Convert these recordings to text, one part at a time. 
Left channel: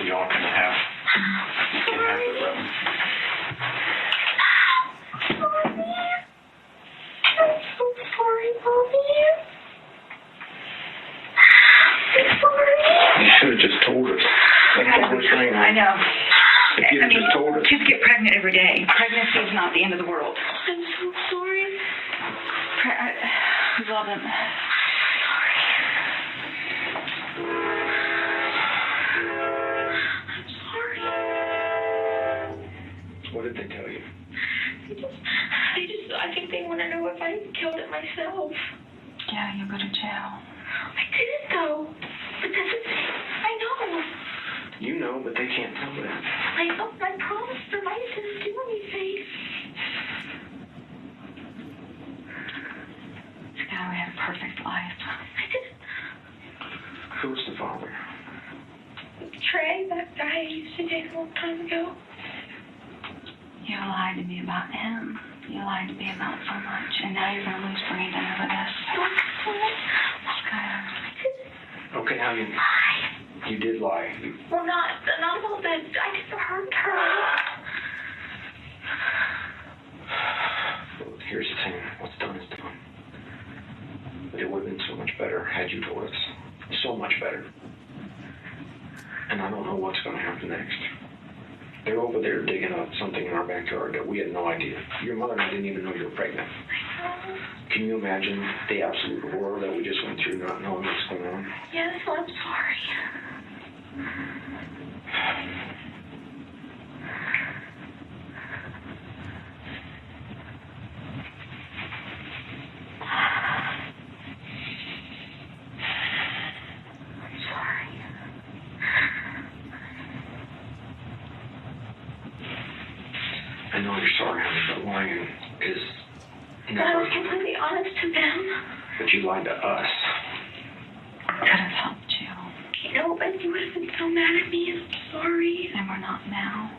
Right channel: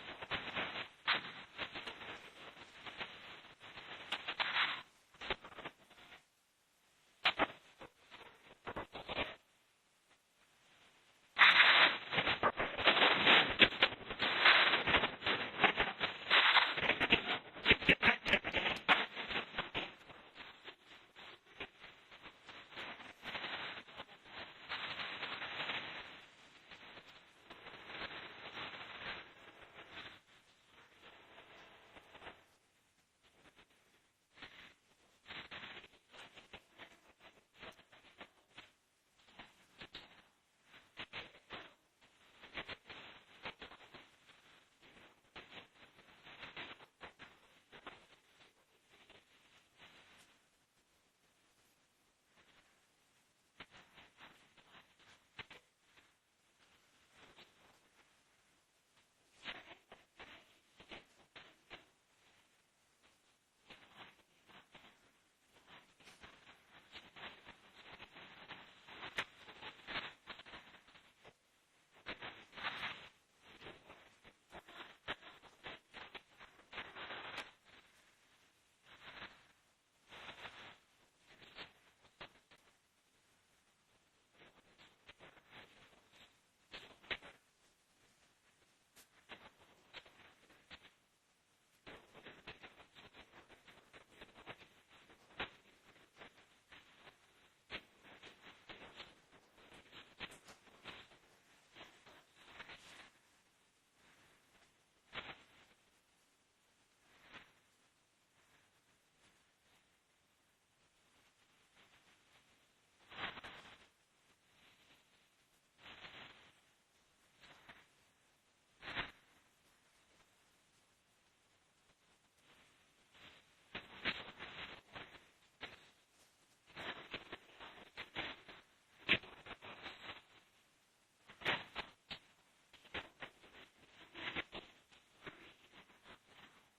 so y'all can have the room. I'm so sorry, Mommy. I'm sorry. You should have just told us. I know. If you had just told us. Kids get pregnant every day. Pregnancy is not the end of the world. I'm so sorry. We love him. I'm sorry. What did they tell you? I think they want to know if I killed it myself. Yeah, you go to jail. I didn't though. But that's the thing. I know. You know, but they can't tell that. I know. I promised them I didn't do anything. Scott, we had a perfect life. I didn't. Who's the father? Trey, that guy I used to date a long time ago. You lied to me about him. You lied to me about so much, and now you're going to lose Brandon over this. Skylar. Okay, now you did lie. Well, not about that. I didn't hurt her. Well, here's the thing. What's done is done. But it would have been so much better had you told us. So much better. And I don't know what's going to happen next. They're over there digging up something in our backyard that we had no idea. Your mother and I didn't even know you were pregnant. Can you imagine the absolute horror that we just went through not knowing what's going on? Yes, I'm sorry. I know you're sorry, honey, but lying is But I never... was completely honest to them. But you lied to us. Could have helped you. You know, but you would have been so mad at me. I'm sorry. And we're not now.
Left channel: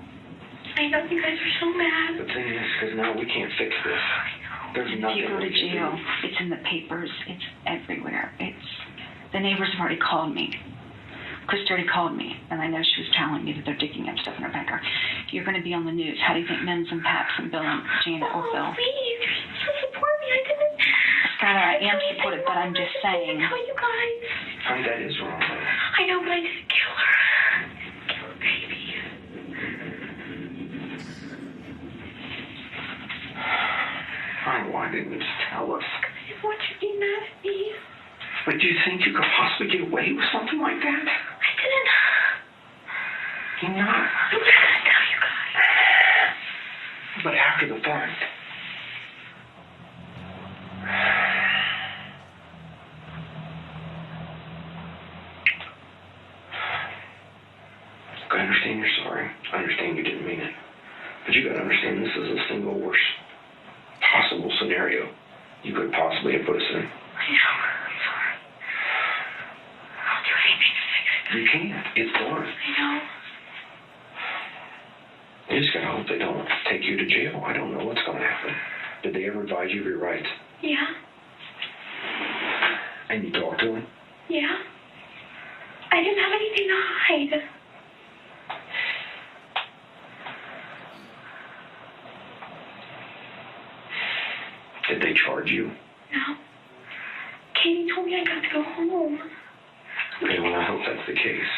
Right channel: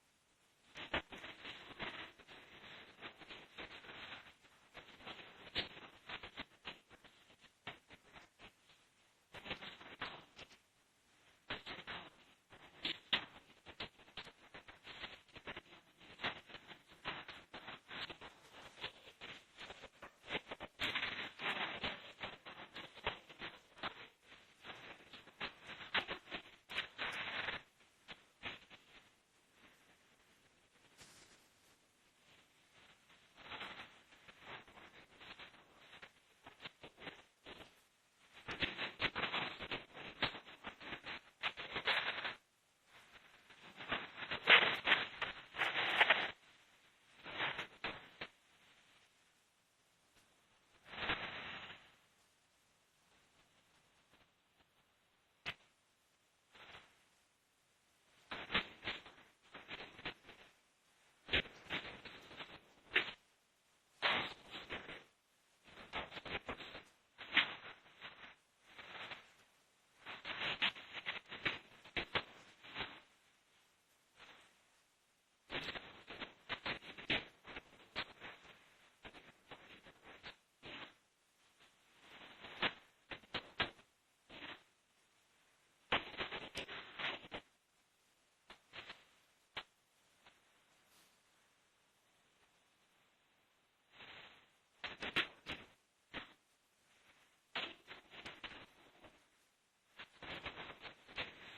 I know you guys are so mad. The thing is, because now we can't fix this. There's If nothing you go to we can jail, do. it's in the papers. It's everywhere. The neighbors have already called me. Chris already called me, and I know she was telling me that they're digging up stuff in her backyard. You're going to be on the news. How do you think Mims and Paps and Bill and Janet will feel? Please, you're supposed to support me. I didn't. Skylar, I am supportive, but I'm just saying. I didn't tell you guys. Honey, that is wrong, though. I know, but I didn't kill her. Kill her baby. Honey, why didn't you just tell us? I didn't want you to be mad at me. But do you think you could possibly get away with something like that? I didn't. You're not. I was going to tell you guys. But after the fact. I understand you're sorry. I understand you didn't mean it. But you gotta understand this is the single worst possible scenario you could possibly have put us in. I know. I'm sorry. I'll do anything to fix it. You can't. It's done. I know. You just gotta hope they don't take you to jail. I don't know what's gonna happen. Did they ever advise you of your rights? Yeah. And you talked to them? Yeah. I didn't have anything to hide. Did they charge you? No. Katie told me I got to go home. Okay, well, I hope that's the case.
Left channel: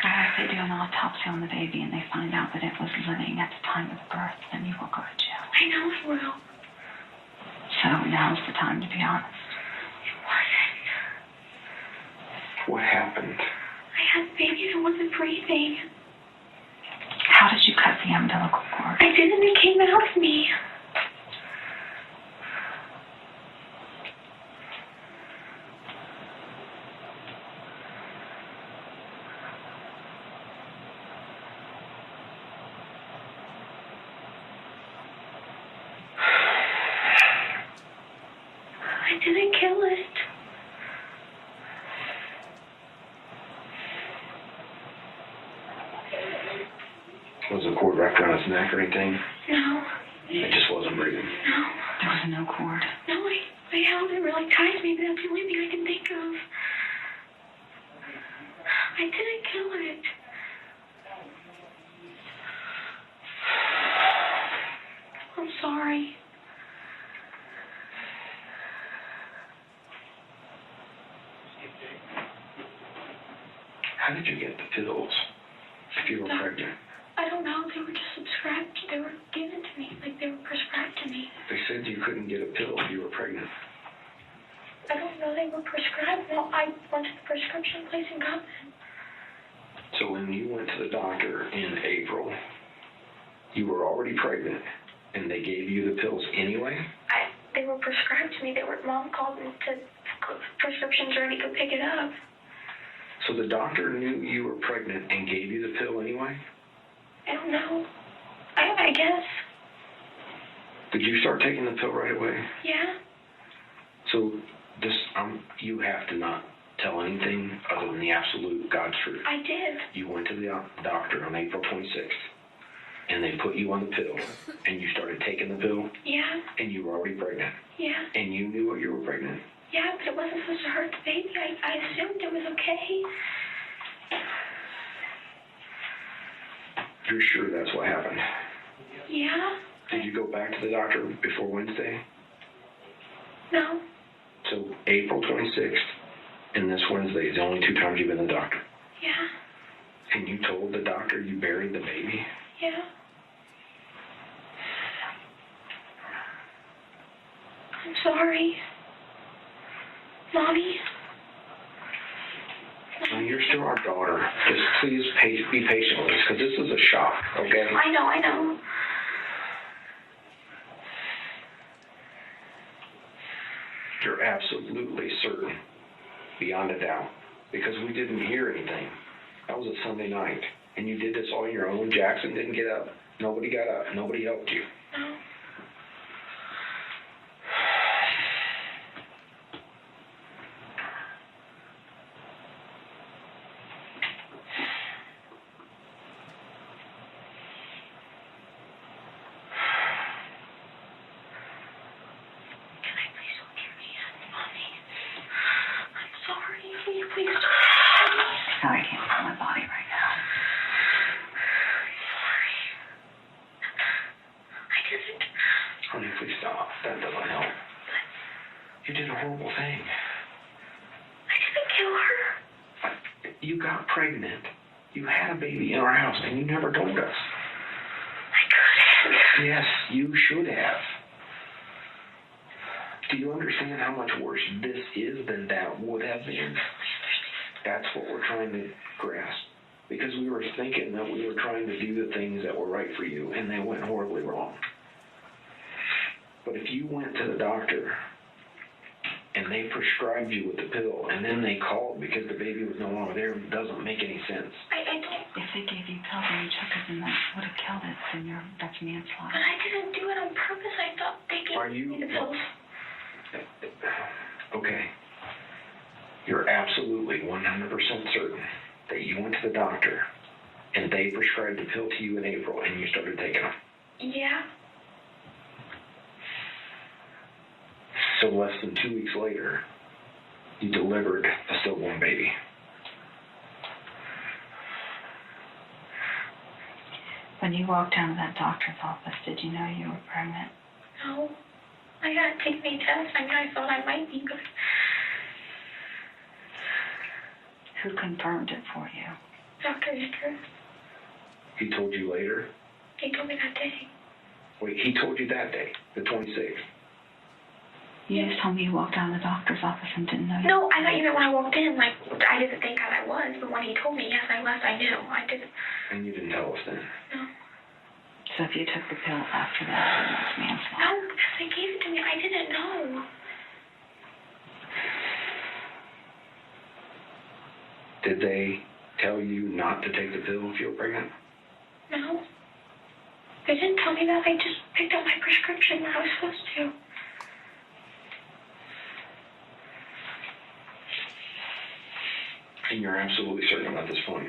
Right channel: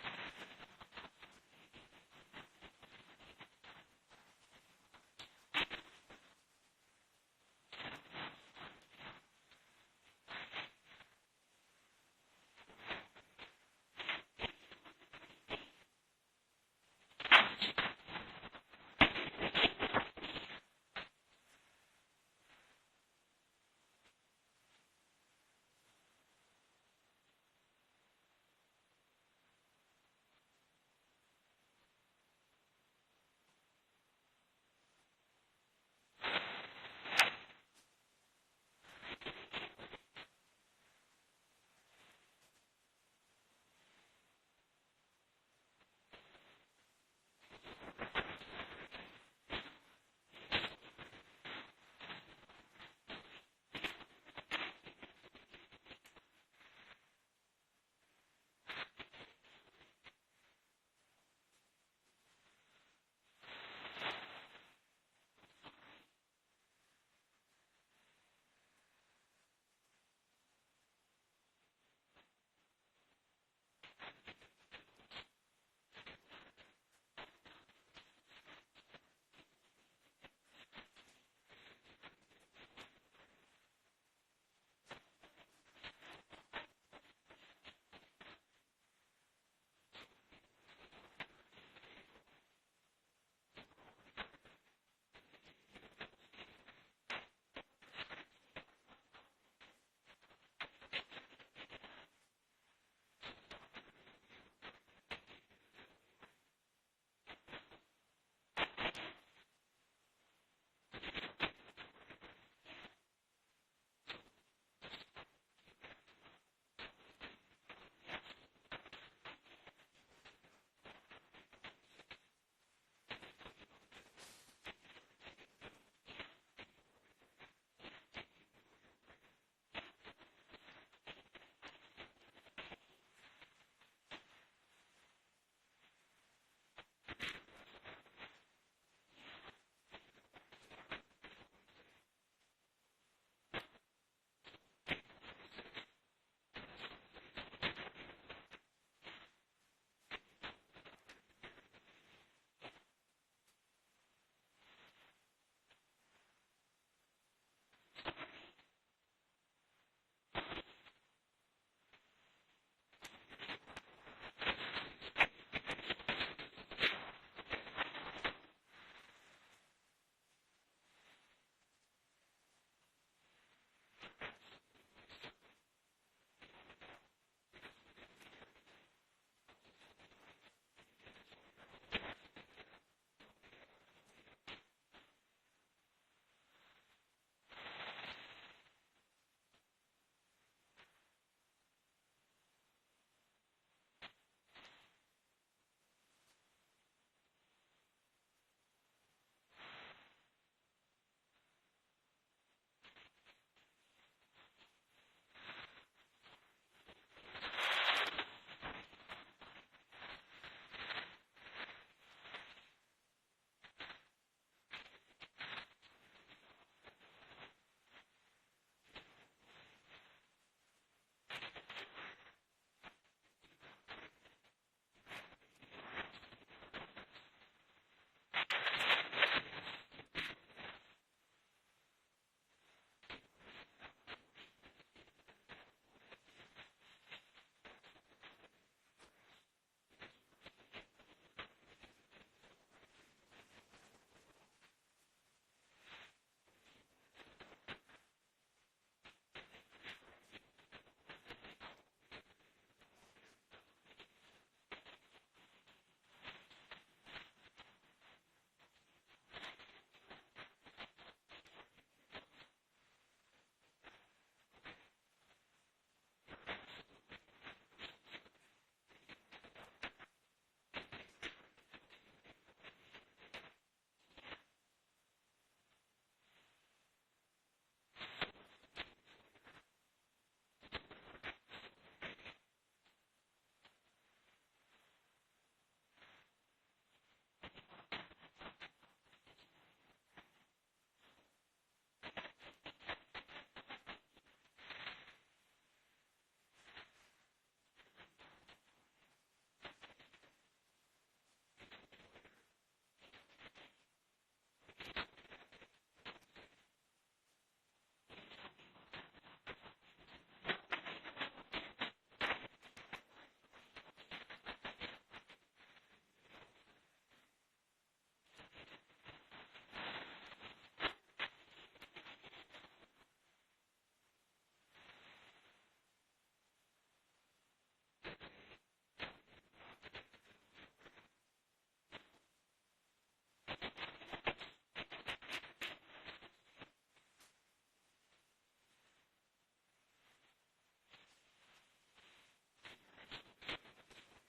Skylar, if they do an autopsy on the baby and they find out that it was living at the time of birth, then you will go to jail. I know I will. So now's the time to be honest. It wasn't. What happened? I had a baby that wasn't breathing. How did you cut the umbilical cord? I didn't. It came out of me. I didn't kill it. Was the cord wrapped around its neck or anything? No. It just wasn't breathing. No. There was no cord. No, I held it really tight. Maybe that's the only thing I can think of. I didn't kill it. How did you get the pills if you were pregnant? I don't know. They were just subscribed. They were given to me. Like, they were prescribed to me. They said you couldn't get a pill if you were pregnant. I don't know. They were prescribed. No, I went to the prescription place and got them. So when you went to the doctor in April, you were already pregnant, and they gave you the pills anyway? They were prescribed to me. Mom called me to prescriptions ready to pick it up. So the doctor knew you were pregnant and gave you the pill anyway? I don't know. I guess. Did you start taking the pill right away? Yeah. So you have to not tell anything other than the absolute God's truth. I did. You went to the doctor on April 26th, and they put you on the pill, and you started taking the pill? Yeah. And you were already pregnant? Yeah. And you knew you were pregnant? Yeah, but it wasn't supposed to hurt the baby. I assumed it was okay. You're sure that's what happened? Yeah. Did you go back to the doctor before Wednesday? No. So April 26th and this Wednesday is the only 2 times you've been to the doctor? Yeah. And you told the doctor you buried the baby? Yeah. I'm sorry. Mommy? Well, you're still our daughter. Just please be patient with us, because this is a shock, okay? I know. You're absolutely certain, beyond a doubt, because we didn't hear anything. That was a Sunday night, and you did this all on your own. Jackson didn't get up. Nobody got up. Nobody helped you. No. I can't feel my body right now. Sorry. I didn't. Honey, please stop. That doesn't help. You did a horrible thing. I didn't kill her. You got pregnant. You had a baby in our house, and you never told us. I couldn't. Yes, you should have. Do you understand how much worse this is than that would have been? That's what we're trying to grasp. Because we were thinking that we were trying to do the things that were right for you, and they went horribly wrong. But if you went to the doctor, and they prescribed you with the pill, and then they called because the baby was no longer there, it doesn't make any sense. I don't. If they gave you pills and you took it, then that would have killed it, then that's manslaughter. But I didn't do it on purpose. I thought they gave me the pills. Okay. You're absolutely 100% certain that you went to the doctor and they prescribed the pill to you in April and you started taking them? Yeah. So less than 2 weeks later, you delivered a stillborn baby. When you walked down to that doctor's office, did you know you were pregnant? No. I hadn't taken any tests. I mean, I thought I might be, but... Who confirmed it for you? Dr. Andrew. He told you later? He told me that day. Wait, he told you that day, the 26th? You just told me you walked down to the doctor's office and didn't know you. No, I thought you meant when I walked in, like, I didn't think how I was, but when he told me, yes, I left, I knew. I didn't. And you didn't tell us then? No. So if you took the pill after that, then it was manslaughter. No, because they gave it to me. I didn't know. Did they tell you not to take the pill if you were pregnant? No. They didn't tell me that. They just picked up my prescription when I was supposed to. And you're absolutely certain about this point?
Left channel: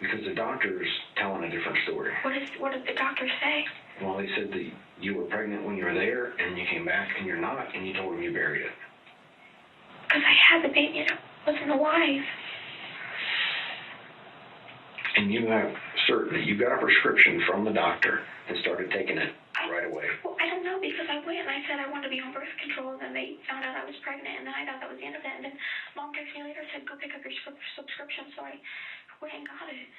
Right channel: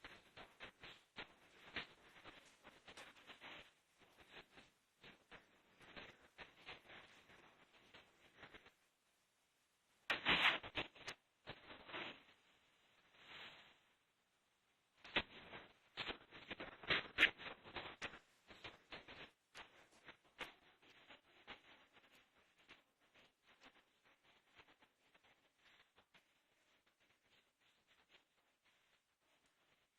Because the doctor's telling a different story. What did the doctor say? Well, they said that you were pregnant when you were there, and you came back, and you're not, and you told them you buried it. Because I had the baby and I wasn't alive. And you have certain that you got a prescription from the doctor and started taking it right away. Well, I don't know, because I went and I said I wanted to be on birth control, and then they found out I was pregnant, and then I thought that was the end of it. And then Mom texted me later and said, go pick up your subscription, so I went and got it.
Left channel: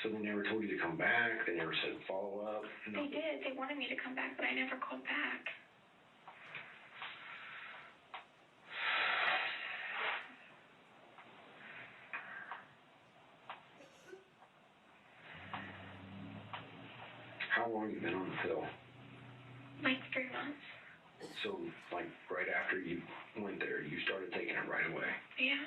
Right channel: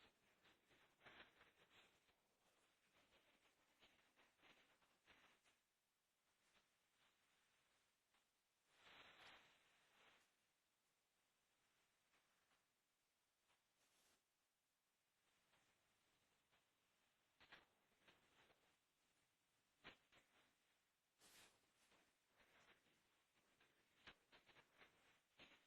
So they never told you to come back? They never said follow up? They did. They wanted me to come back, but I never called back. How long have you been on the pill? Like 3 months. So, like, right after you went there, you started taking it right away? Yeah.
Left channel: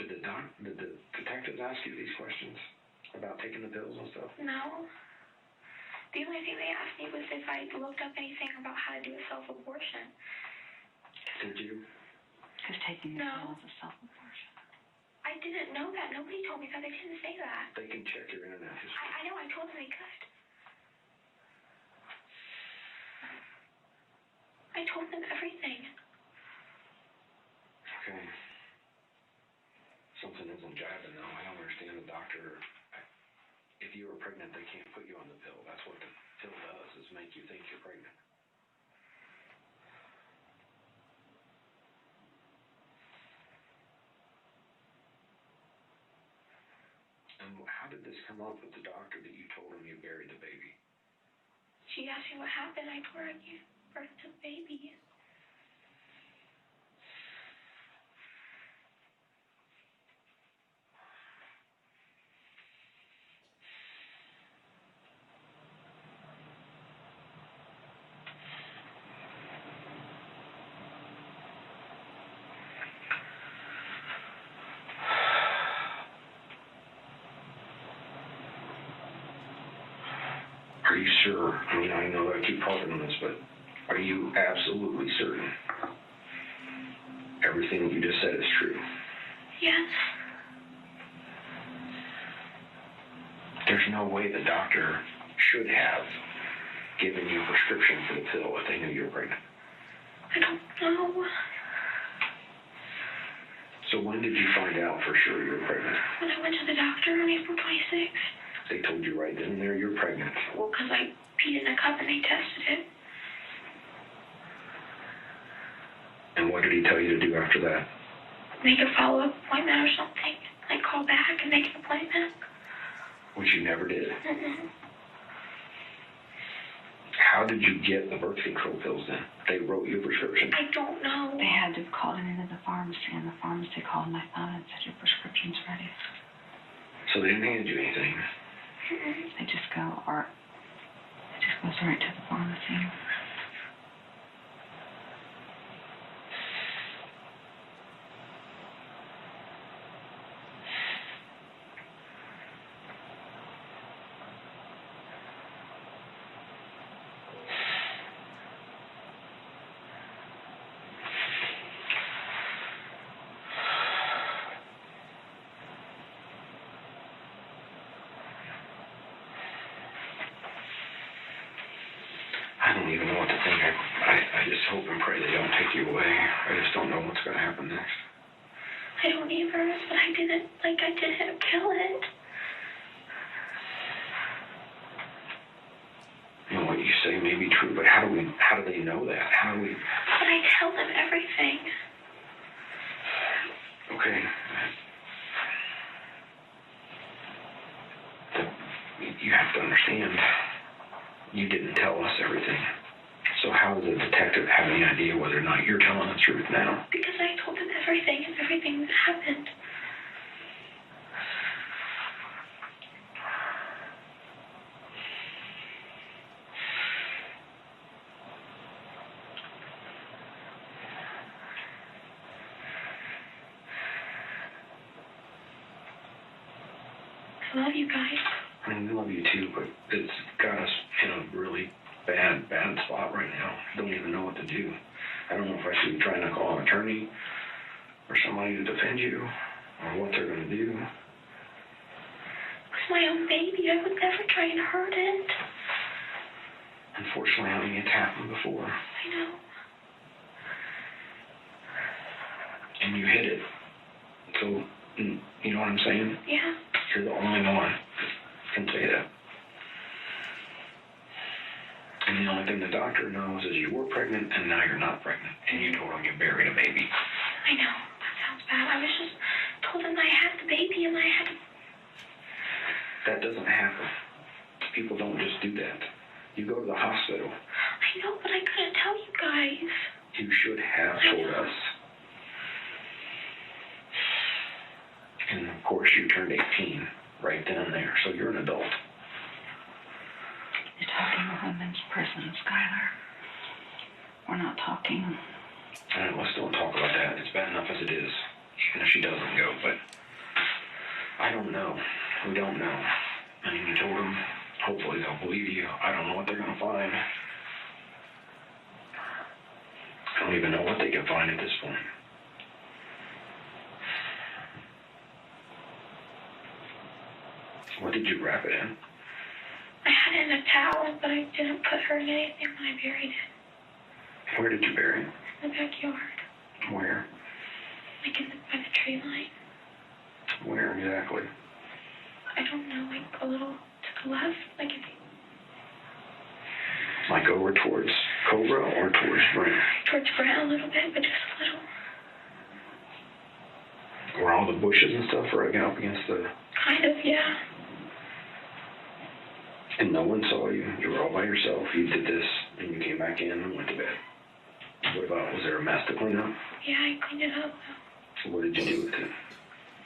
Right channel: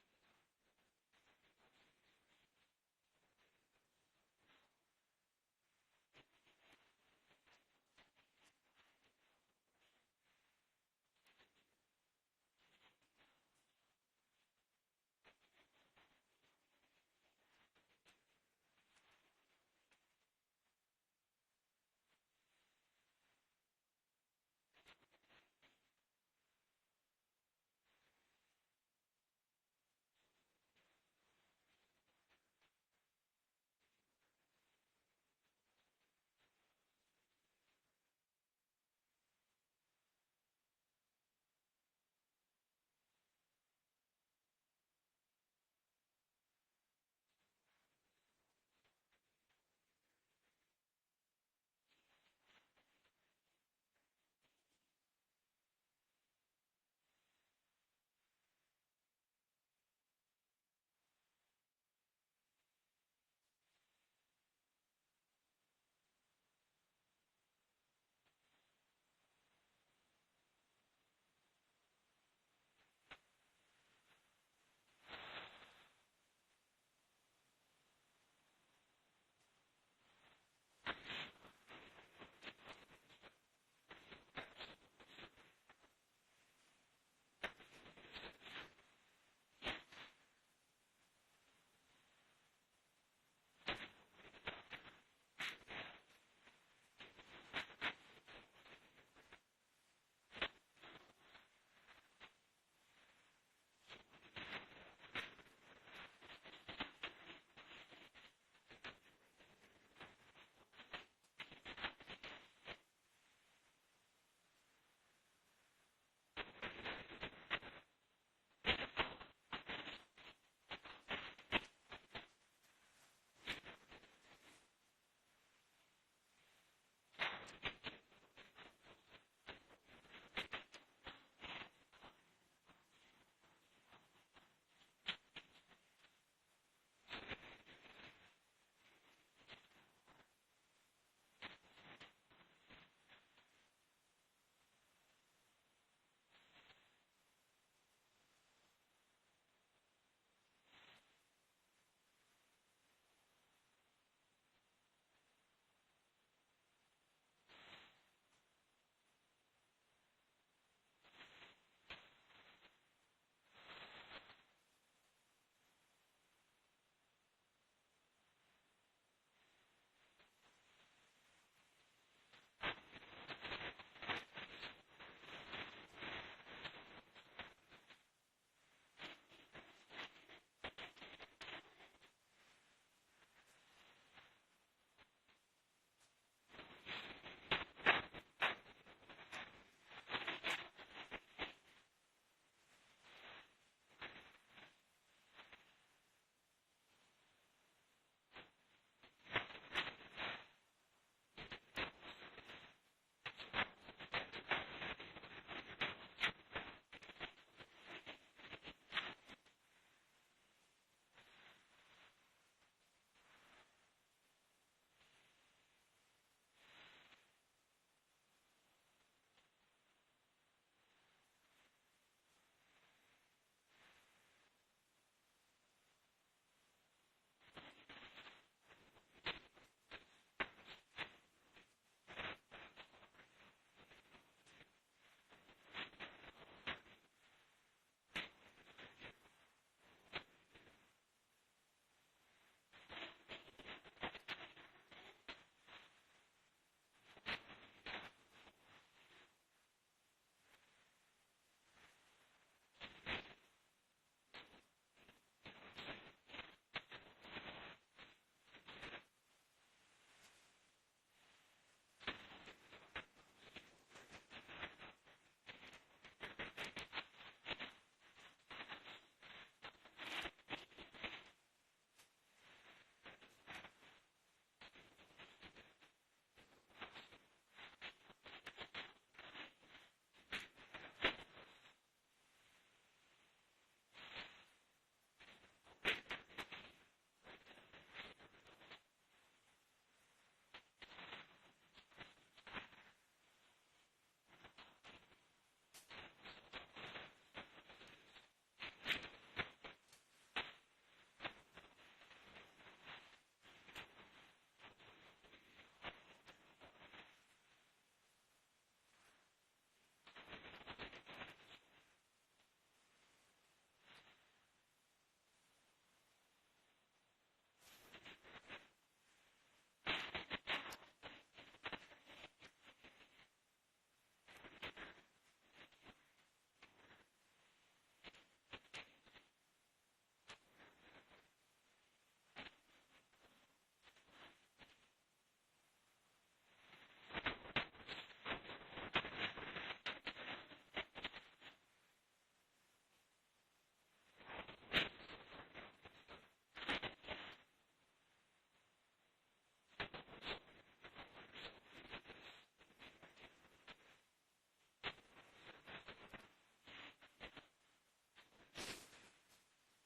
Did the detectives ask you these questions about taking the pills and stuff? No. The only thing they asked me was if I looked up anything about how to do a self-abortion. Did you? Because taking the No. pill is a self-abortion. I didn't know that. Nobody told me that. They didn't say that. They can check your internet history. I know. I told them they could. I told them everything. Okay. Something isn't jiving though. I don't understand the doctor. If you were pregnant, they can't put you on the pill. That's what the pill does, is make you think you're pregnant. And how did this come up with the doctor that you told him you buried the baby? She asked me what happened. I told her I gave birth to the baby. Are you sure? I mean, I know I keep harping on this, but are you absolutely certain everything that you just said is true? Yes. There's no way the doctor should have given you a prescription for the pill if they knew you were pregnant. I don't know. So when did you find out for sure you were pregnant? When I went to the doctor on April 26th. They told you right then and there you're pregnant. Well, because I peed in a cup and they tested it. And what did he tell you to do after that? Make a follow-up appointment or something. Like call back and make an appointment. Which you never did. Mm-mm. How did you get the birth control pills then? They wrote you a prescription. I don't know. They had to call it into the pharmacy, and the pharmacy called my phone and said, your prescription's ready. So they didn't hand you anything. Mm-mm. They just goes right to the pharmacy. I don't even know what to think. I just hope and pray they don't take you away. I just don't know what's going to happen next. I don't either, but I didn't kill it. You know, what you say may be true, but how do they know that? How do we... But I tell them everything. Okay. You have to understand, you didn't tell us everything. So how does the detective have any idea whether or not you're telling the truth now? Because I told them everything and everything that happened. I love you guys. I mean, we love you too, but it's got us in a really bad spot right now. Don't even know what to do. I don't know if I should be trying to call an attorney or somebody to defend you, or what they're going to do. It's my own baby. I would never try and hurt it. Unfortunately, I mean, it's happened before. I know. and you hid it. So, you know what I'm saying? Yeah. You're the only one who can say that. And the only thing the doctor knows is you were pregnant and now you're not pregnant. And you told him you buried a baby. I know. That sounds bad. I was just told him I had the baby and I had to... That doesn't happen. People don't just do that. You go to the hospital. I know, but I couldn't tell you guys. You should have told us. And of course you turned 18 right then and there, so you're an adult. You're talking a women's prison, Skylar. We're not talking. Let's don't talk about that. It's bad enough as it is, even if she doesn't go, but I don't know. We don't know. I mean, you told them, hopefully they'll believe you. I don't know what they're going to find. I don't even know what they can find at this point. What did you wrap it in? I had it in a towel, but I didn't put her in anything when I buried it. Where did you bury it? In the backyard. Where? Like by the tree line. Where exactly? I don't know, like a little to the left, like if you... Like over towards Cobra or towards Brent? Towards Brent a little bit, but just a little. Were all the bushes and stuff right up against the... Kind of, yeah. And no one saw you. You were all by yourself. You did this, and you came back in and went to bed. What about, was there a mess to clean up? Yeah, I cleaned it up. So what did you do with it?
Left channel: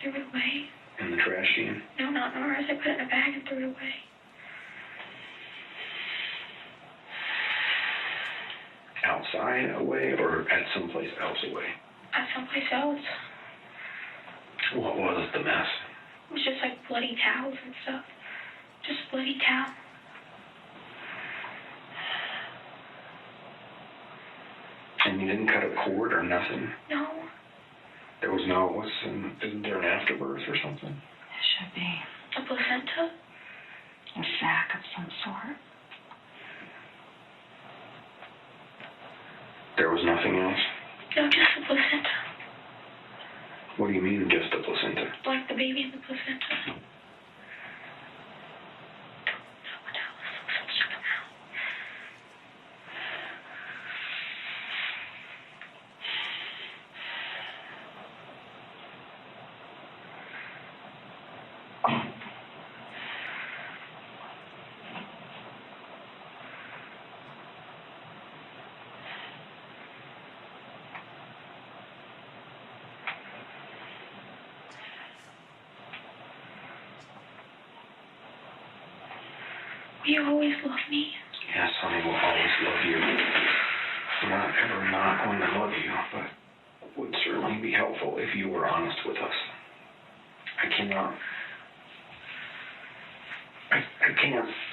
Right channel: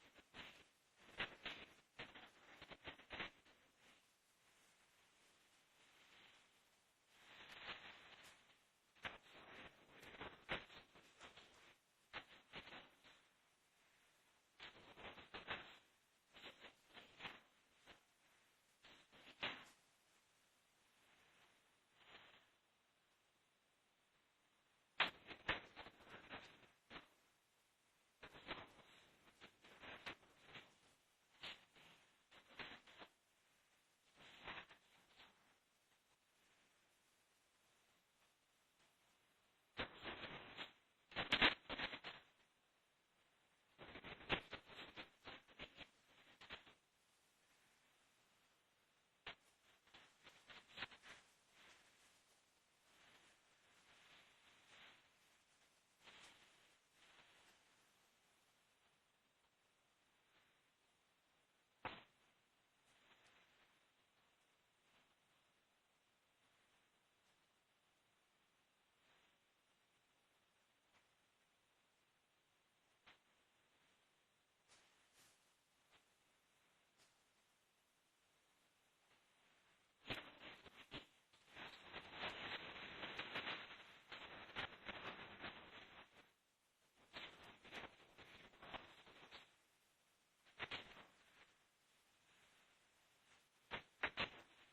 Threw it away. In the trash can? No, not in ours. I put it in a bag and threw it away. Outside away, or at someplace else away? At someplace else. What was the mess? It was just like bloody towels and stuff. Just bloody towel. And you didn't cut a cord or nothing? No. There was no, isn't there an afterbirth or something? It should be. A placenta? A sac of some sort. There was nothing else? No, just the placenta. What do you mean, just the placenta? Like the baby in the placenta. No one else. So check them out. Will you always love me? Yes, honey, will always love you. We're not ever not going to love you, but it would certainly be helpful if you were honest with us. I can't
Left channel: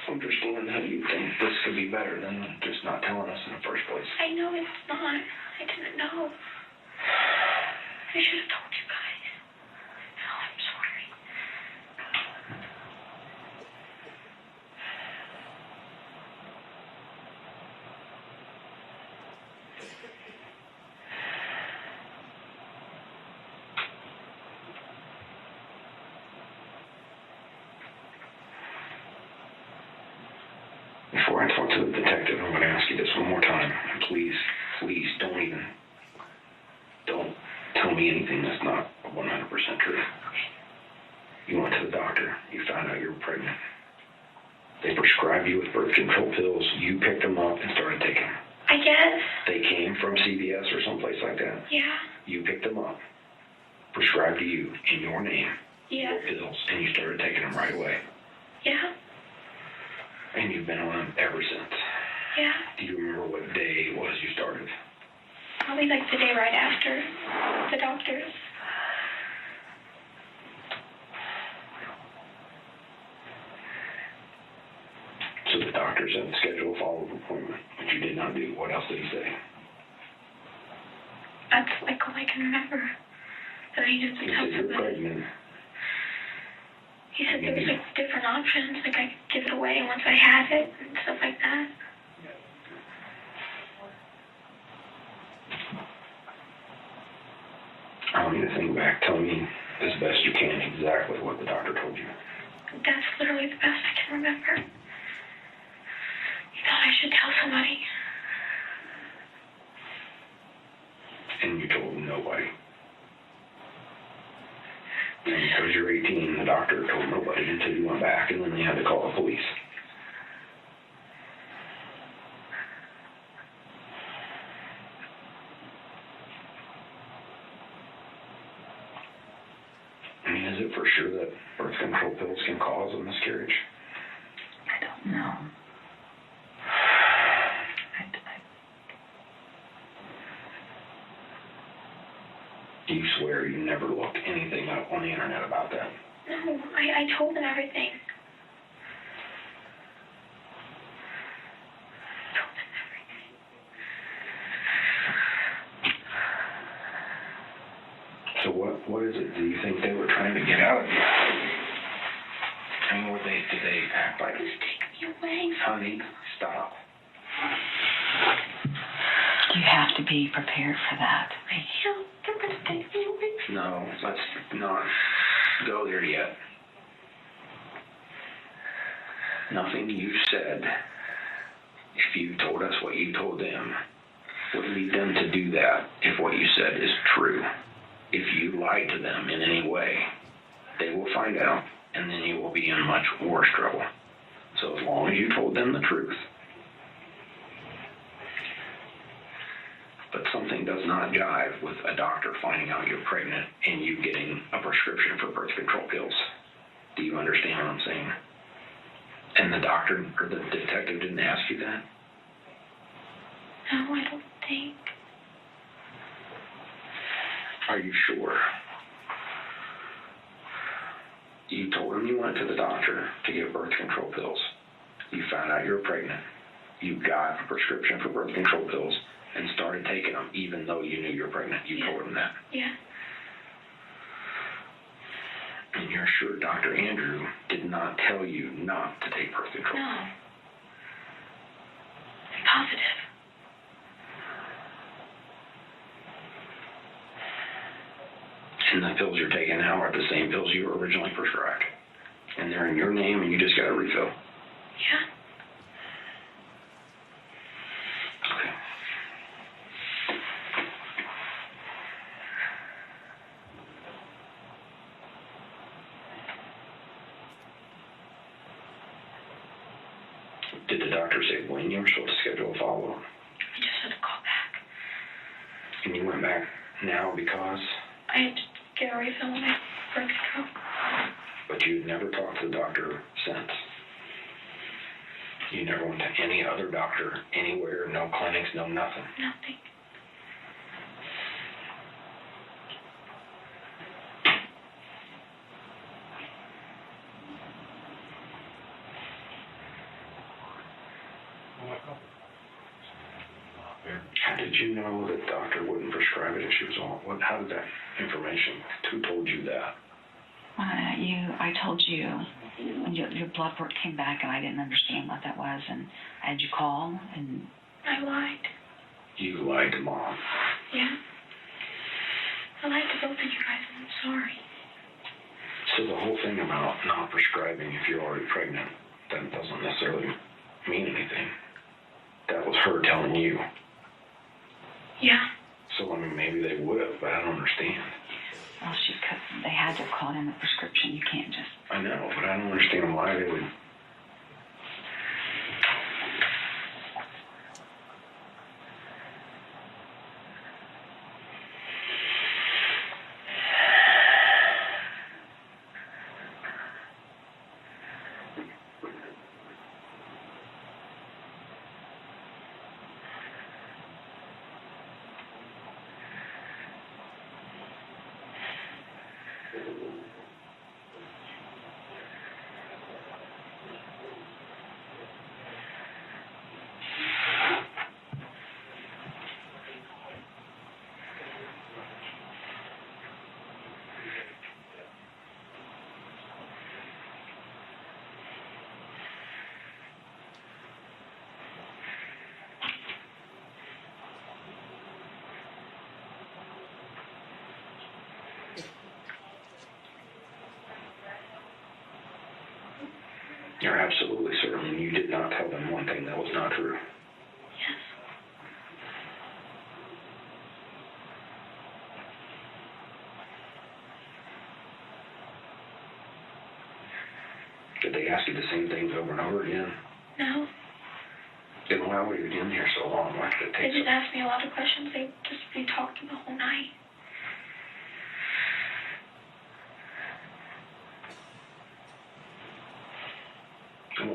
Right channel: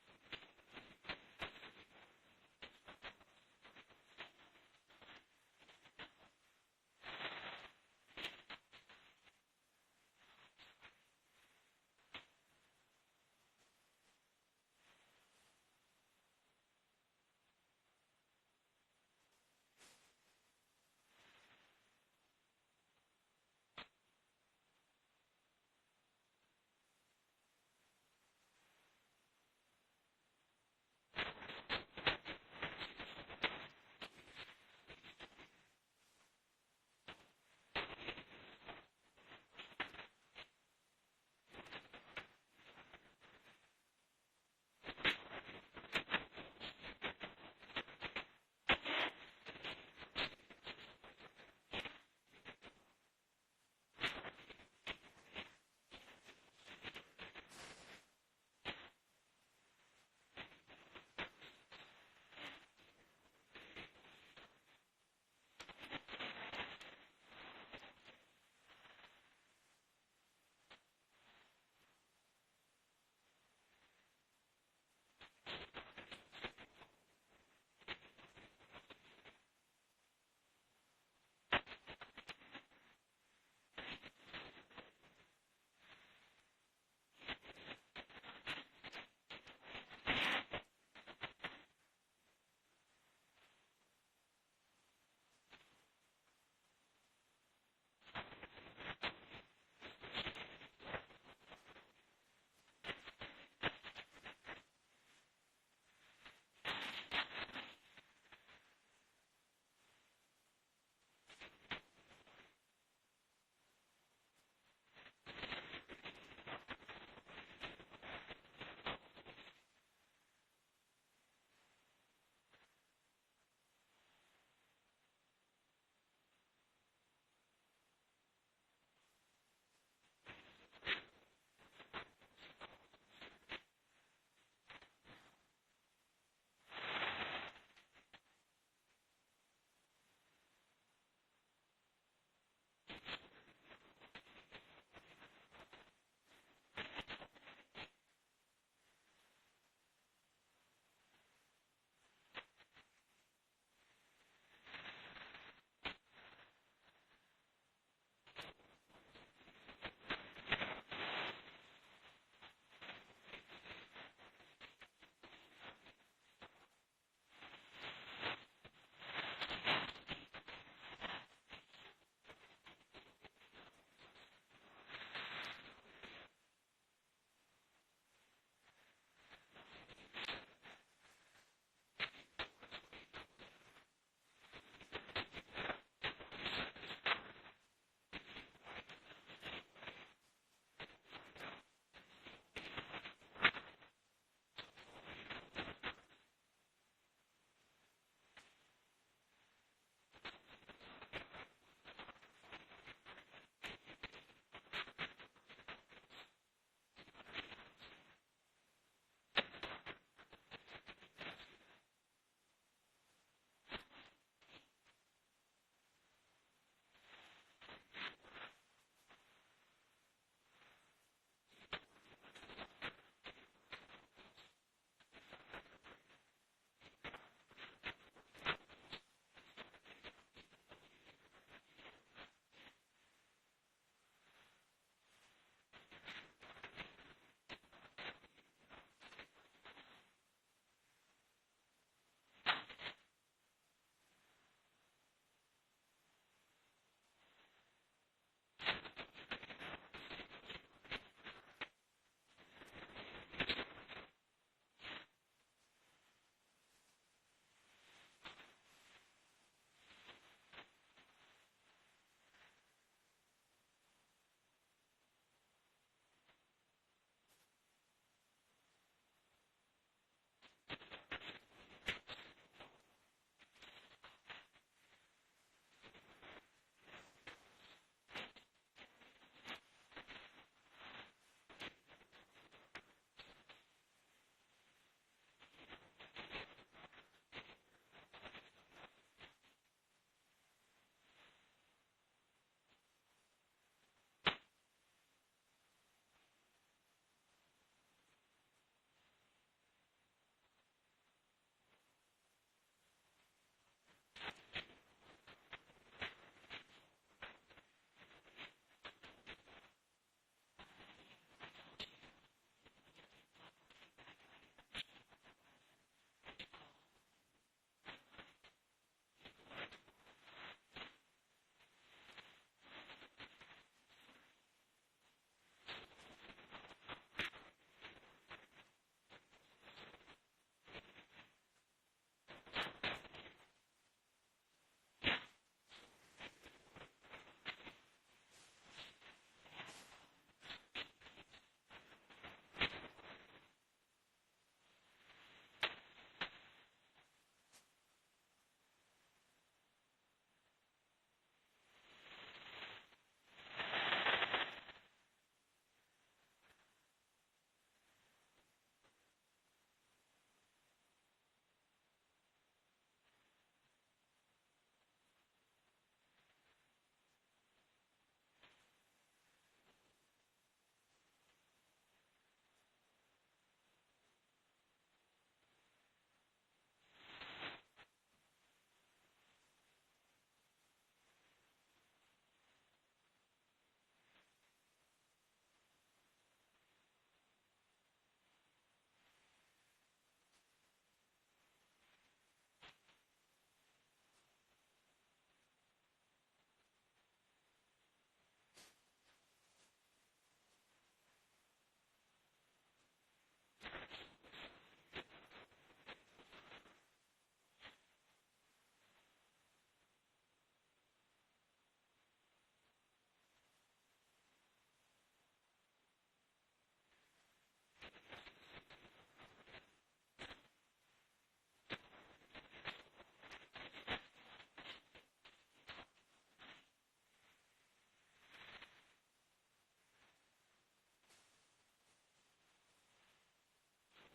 understand how you think this could be better than just not telling us in the first place. I know it's not. I didn't know. I should have told you guys. No, I'm sorry. Before I talk to the detective, I'm going to ask you this one more time. And please don't tell me anything that's not 100% true. You went to the doctor. You found out you were pregnant. They prescribed you with birth control pills. You picked them up and started taking them. I guess. They came from CVS or someplace like that. Yeah. You picked them up, prescribed to you in your name, Yeah. your pills, and you started taking them right away. Yeah. And you've been on them ever since. Yeah. Do you remember what day it was you started? Probably like the day right after the doctor's. So the doctor said schedule a follow-up appointment, which you did not do. What else did he say? That's like all I can remember. That I needed to He tell said you're somebody. pregnant. He said there was like different options, like I could give it away once I had it and stuff like that. I want you to think back. Tell me as best you can exactly what the doctor told you. That's literally the best I can remember. He thought I should tell somebody. And you told nobody. And because you're 18, the doctor told nobody until you went back, and then they had to call the police. I mean, is it for sure that birth control pills can cause a miscarriage? I don't know. Do you swear you never looked anything up on the internet about that? No, I told him everything. So what is it? Do you think they were trying to get out of you? I mean, did they act like... Just take me away. Honey, stop. You have to be prepared for that. I am. They're going to take me away. No, let's not go there yet. Nothing you said, if you told us what you told them, would lead them to do that if what you said is true. If you lied to them in any way, they will find out, and then you will be in much worse trouble. So as long as you told them the truth. But something does not jive with a doctor finding out you're pregnant and you getting a prescription for birth control pills. Do you understand what I'm saying? And the doctor or the detective didn't ask you that? No, I don't think. Are you sure? You told him you went to the doctor to get birth control pills. You found out you were pregnant. You got a prescription for birth control pills and started taking them even though you knew you were pregnant. You told him that. Yeah. And you're sure Dr. Andrew did not tell you not to take birth control? No. I'm positive. And the pills you're taking now are the same pills you were originally prescribed. And they're in your name and you just got a refill. Yeah. Okay. Did the doctor say when you were supposed to schedule a follow-up? I just had to call back. And you went back now because? I had to get a refill on my birth control. But you'd never talked to the doctor since. You never went to any other doctor anywhere, no clinics, no nothing. Nothing. How did you know that the doctor wouldn't prescribe it if she was on? How did that information? Who told you that? I told you when your blood work came back, and I didn't understand what that was, and I had you call, and I lied. You lied to Mom. Yeah. I lied to both of you guys, and I'm sorry. So the whole thing about not prescribing if you're already pregnant, that doesn't necessarily mean anything. That was her telling you. Yeah. So, I mean, maybe they would have, but I don't understand. well, they had to call in the prescription. You can't just. I know, but I don't understand why they would. You're absolutely certain you did not tell them one thing that was not true? Yes. Did they ask you the same things over and over again? No. Then why were you in here so long? Why did it They take just asked me a lot of questions. We talked the whole night.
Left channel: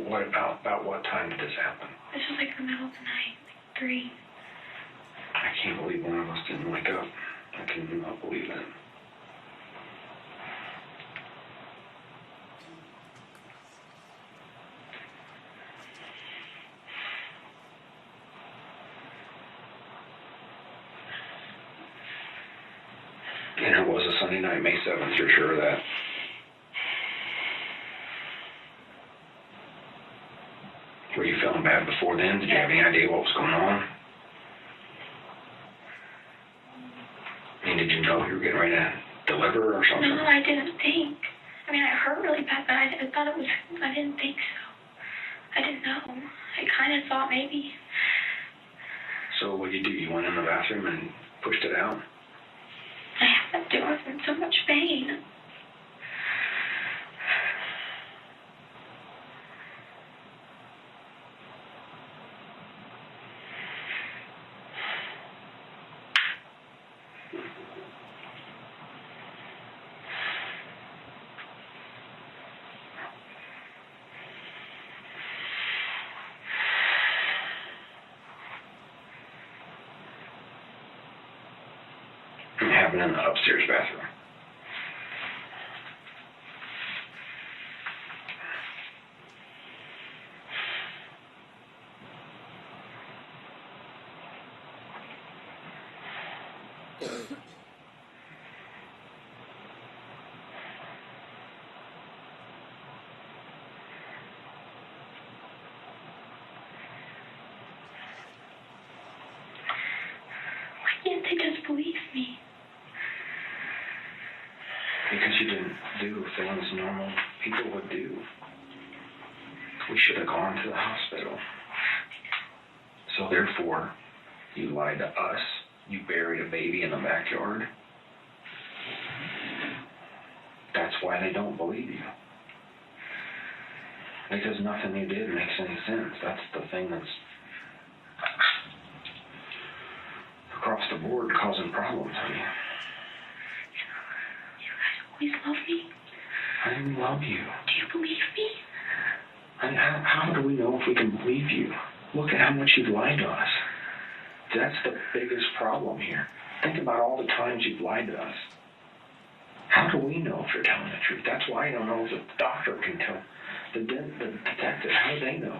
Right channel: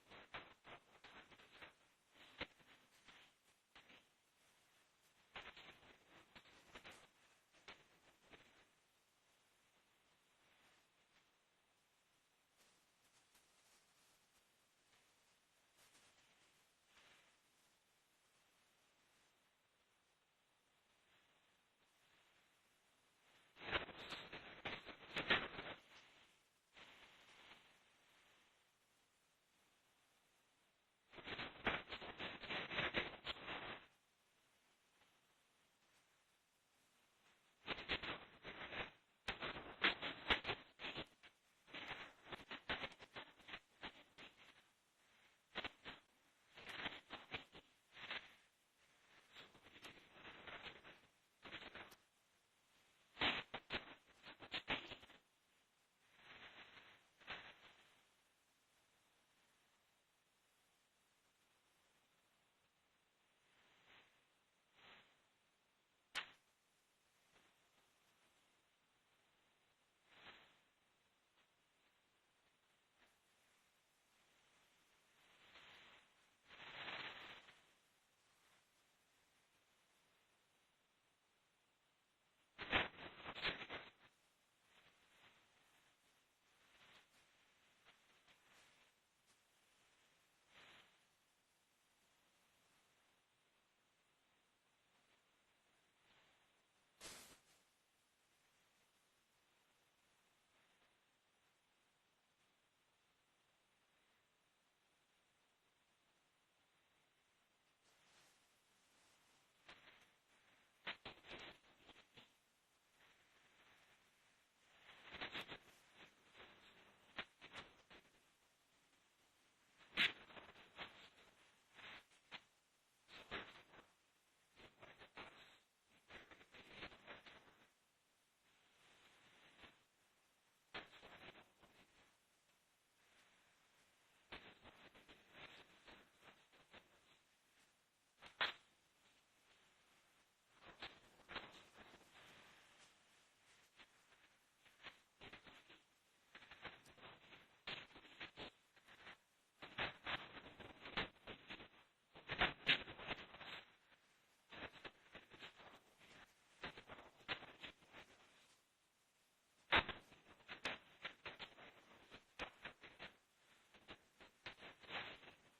What about what time did this happen? This was like the middle of the night, like 3. I can't believe one of us didn't wake up. I cannot believe that. And it was a Sunday night, May 7th, you're sure of that? Were you feeling bad before then? Did you have any idea what was going on? I mean, did you know you were getting ready to deliver or something? No, I didn't think. I mean, I hurt really bad, but I thought it was, I didn't think so. I didn't know. I kind of thought maybe. So what did you do? You went in the bathroom and pushed it out? I had to. I was in so much pain. It happened in the upstairs bathroom. Why can't they just believe me? Because you didn't do things normal people would do. We should have gone to the hospital. So therefore, you lied to us. You buried a baby in the backyard. That's why they don't believe you. Because nothing you did makes any sense. That's the thing that's across the board causing problems, honey. You guys always love me. I didn't love you. Do you believe me? And how do we know if we can believe you? Look at how much you've lied to us. That's the biggest problem here. Think about all the times you've lied to us. How do we know if you're telling the truth? That's why I don't know if the doctor can tell. The detective, how do they know?